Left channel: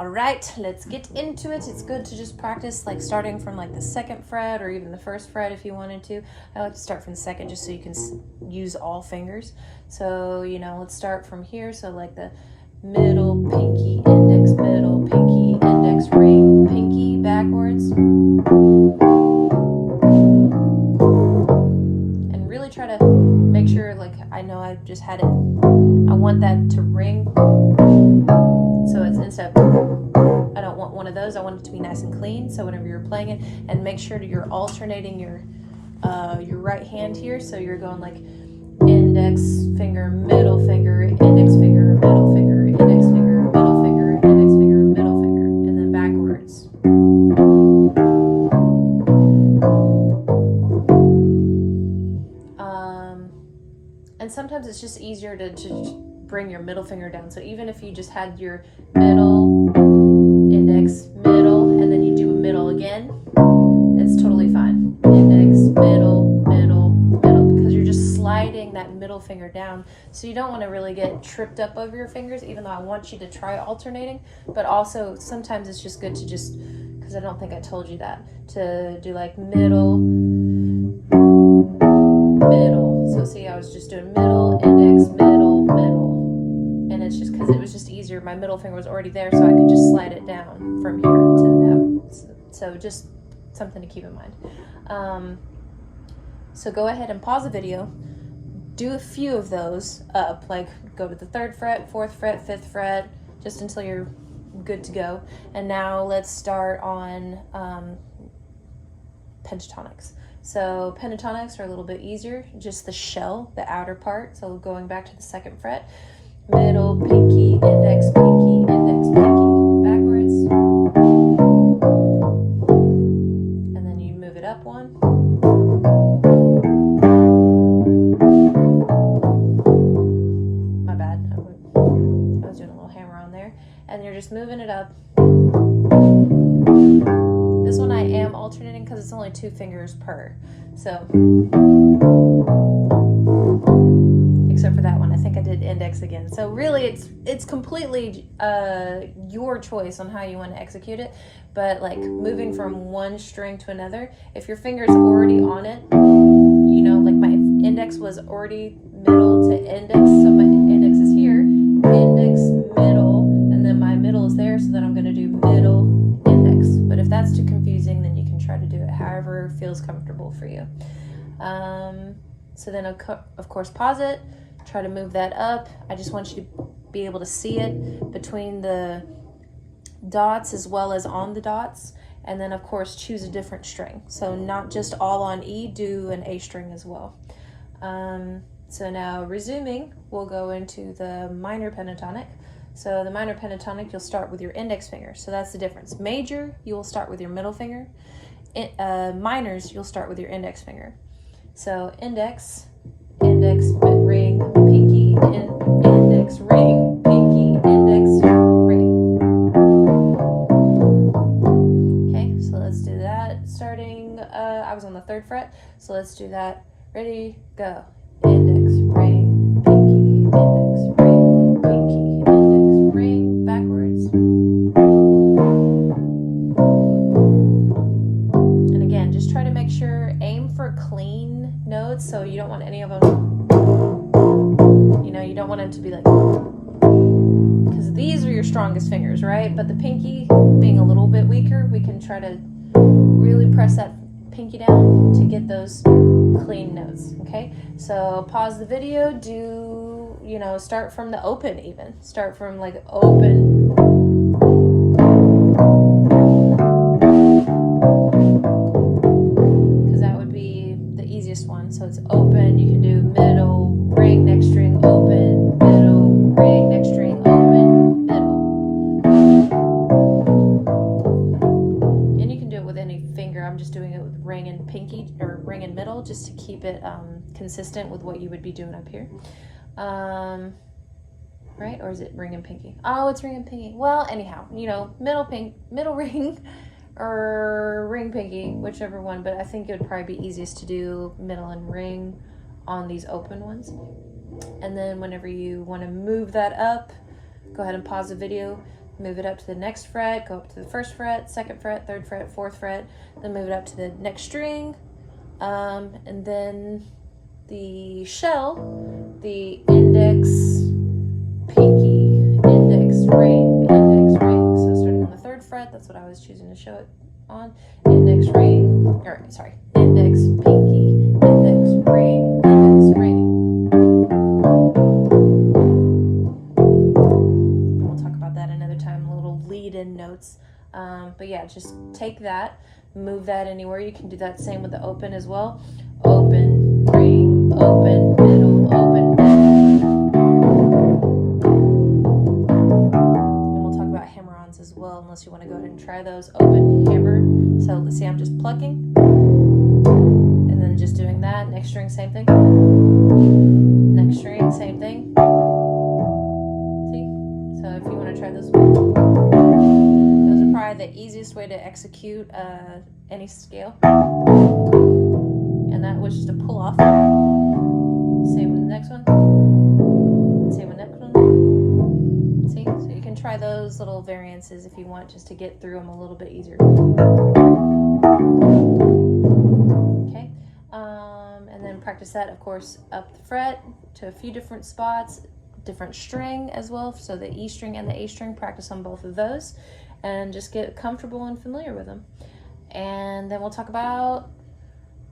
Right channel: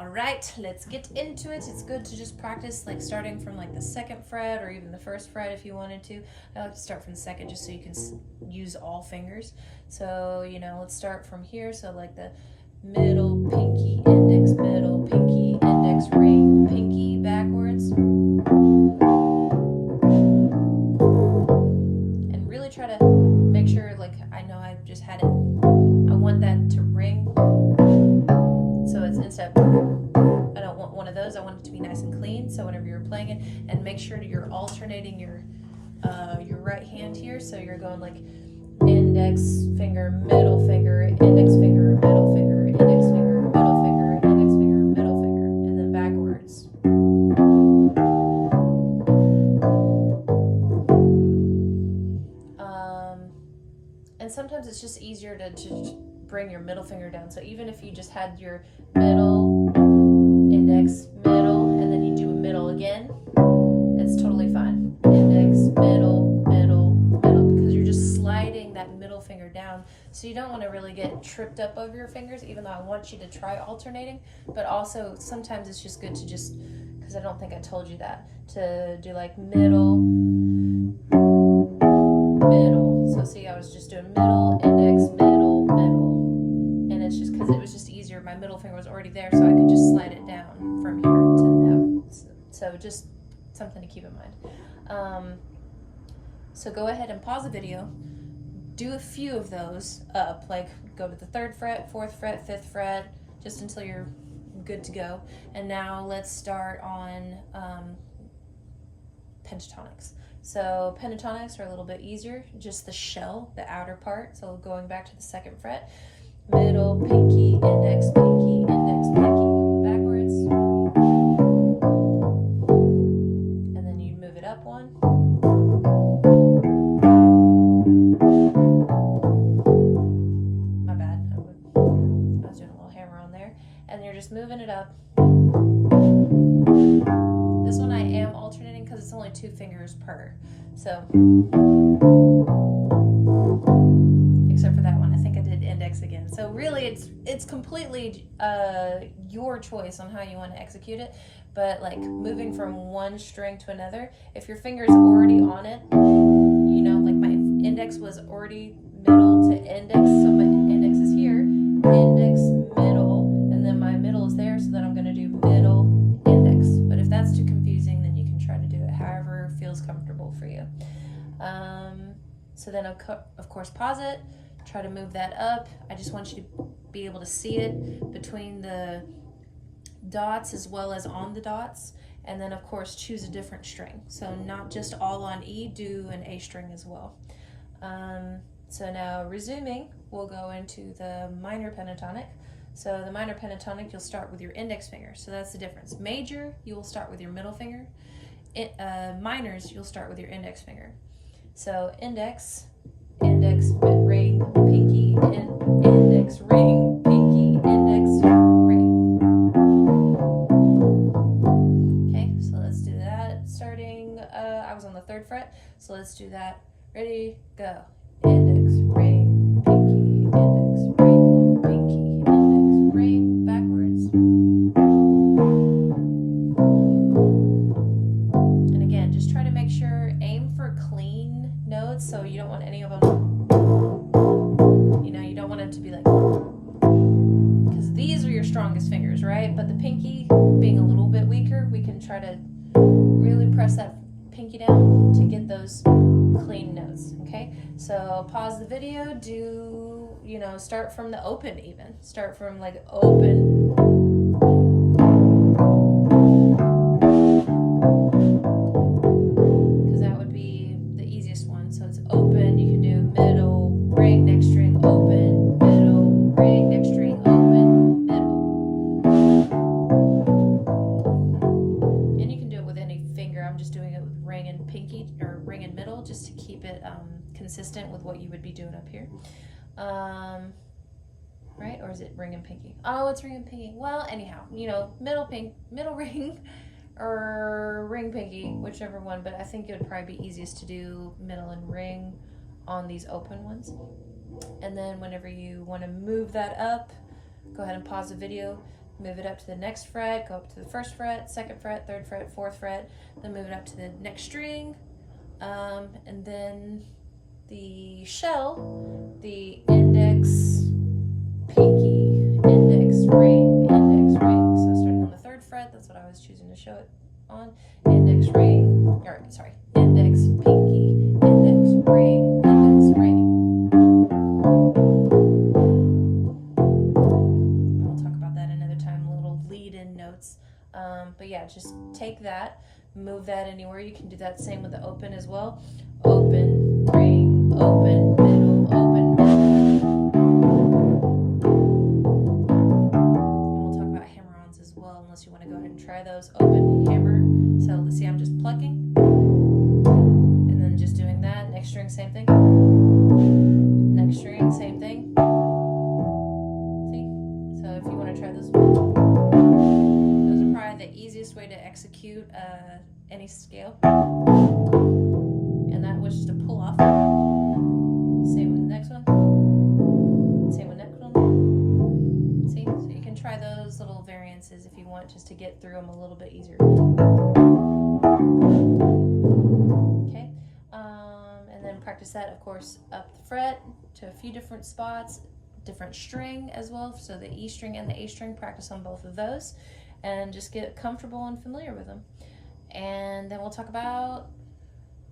All right, let's get into it. It's good to just practice like starting from like the 2nd fret or even the 1st fret if you wanted to. I like to start from the 2nd just so you can use all fingers. So, you know, let's start from here. So like the middle, pinky, index, middle, pinky, index, ring, pinky, backwards. And really try to make sure, like, I know I just had it. I want that to ring. So it's instead of, I don't want one of those. I want it to be nice and clean. So whenever you're playing it, and make sure that you're alternating your right hand here. So you're going like index finger, middle finger, index finger, middle finger, index finger, middle finger, index finger, middle finger, and then backwards. And sometimes it's just easier to just bring your middle finger down. So even if you just had your middle, index, middle, and then you do a middle again, it's totally fine. Index, middle, middle, middle, because you're just sliding that middle finger down. So you don't want to really get tripped up over your fingers, even though I want you to try alternating. But also sometimes it's just good to just, because I don't think I told you that, to do like middle, middle. So see, I was just doing middle, index, middle, middle. And it's just because it was just easier. My middle finger was already there, so I could just slide it down from here to the note. So just something to keep in mind. So go ahead and pause the video. Do a few of those up, like go to the 3rd fret, 4th fret, 5th fret, just until you're good to go. And now let's start on pentatonics. So pentatonics are a little bit easier, just the shell, the outer part. So going back to the 2nd fret, middle, pinky, index, pinky, index, pinky, backwards. And then you move it up one. My bad, I was doing a little hammer on there. And you're just moving it up. This one I am alternating because it's only 2 fingers per. So, except for that one, I think I did index again. So really it's completely your choice on how you want to execute it. But like moving from one string to another, if your finger's already on it, you know, like my index was already middle to index, so my index is here, index, middle, and then my middle is there, so then I'm going to do middle, index. But if that's too confusing, then you can try to do it however feels comfortable for you. So then of course pause it, try to move that up. I just want you to be able to see it between the dots as well as on the dots, and then of course choose a different string. So not just all on E, do an A string as well. So now resuming, we'll go into the minor pentatonic. So the minor pentatonic, you'll start with your index finger. So that's the difference. Major, you will start with your middle finger. Minors, you'll start with your index finger. So index, index, ring, pinky, index, ring, pinky, index, ring. Okay, so let's do that. Starting, I was on the 3rd fret, so let's do that. Ready, go. Index, ring, pinky, index, ring, pinky, index, ring, backwards. And again, just try to make sure, aim for clean notes, so you don't want any of them, you know, you don't want them to be like, because these are your strongest fingers, right? But the pinky being a little bit weaker, we can try to really press that pinky down to get those clean notes. Okay, so pause the video, do, you know, start from the open, even start from like open, because that would be the easiest one. So it's open, you can do middle, ring, next string, open, middle, ring, next string, open, middle. And you can do it with any finger. I'm just doing it with ring and pinky, or ring and middle, just to keep it consistent with what you would be doing up here. Right? Or is it ring and pinky? Oh, it's ring and pinky. Well, anyhow, you know, middle ring, or ring pinky, whichever one, but I think it would probably be easiest to do middle and ring on these open ones. And then whenever you want to move that up, go ahead and pause the video, move it up to the next fret, go up to the first fret, second fret, third fret, fourth fret, then move it up to the next string, and then the shell, the index, pinky, index, ring, index, ring. So starting on the third fret, that's what I was choosing to show it on. Index, ring, or sorry, index, pinky, index, ring, index, ring. And we'll talk about that another time, little lead-in notes. But yeah, just take that, move that anywhere. You can do that same with the open as well. Open, ring, open, middle, open, middle. And we'll talk about hammer-ons as well, unless you want to go ahead and try those. Open, hammer. So let's see, I'm just plucking. And then just doing that. Next string, same thing. Next string, same thing. See? So if you want to try those, those are probably the easiest way to execute any scale. And that was just a pull off. Same with the next one. Same with the next one. See? So you can try those little variances if you want, just to get through them a little bit easier. Okay. And then practice that, of course, up the fret to a few different spots, different string as well. So the E string and the A string, practice on both of those and just get comfortable and familiar with them. And then we'll talk about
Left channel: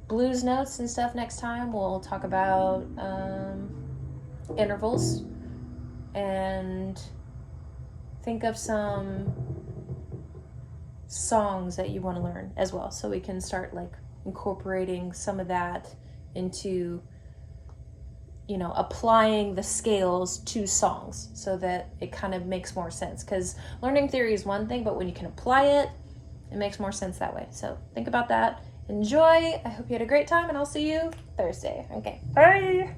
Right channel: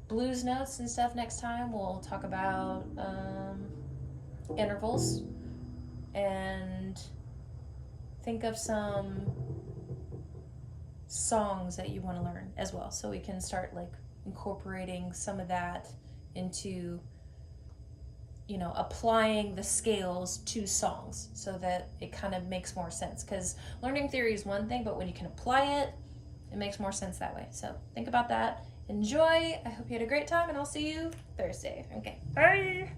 blues notes and stuff next time. We'll talk about intervals and think of some songs that you want to learn as well, so we can start like incorporating some of that into, you know, applying the scales to songs so that it kind of makes more sense, because learning theory is one thing, but when you can apply it, it makes more sense that way. So think about that. Enjoy. I hope you had a great time, and I'll see you Thursday. Okay, bye.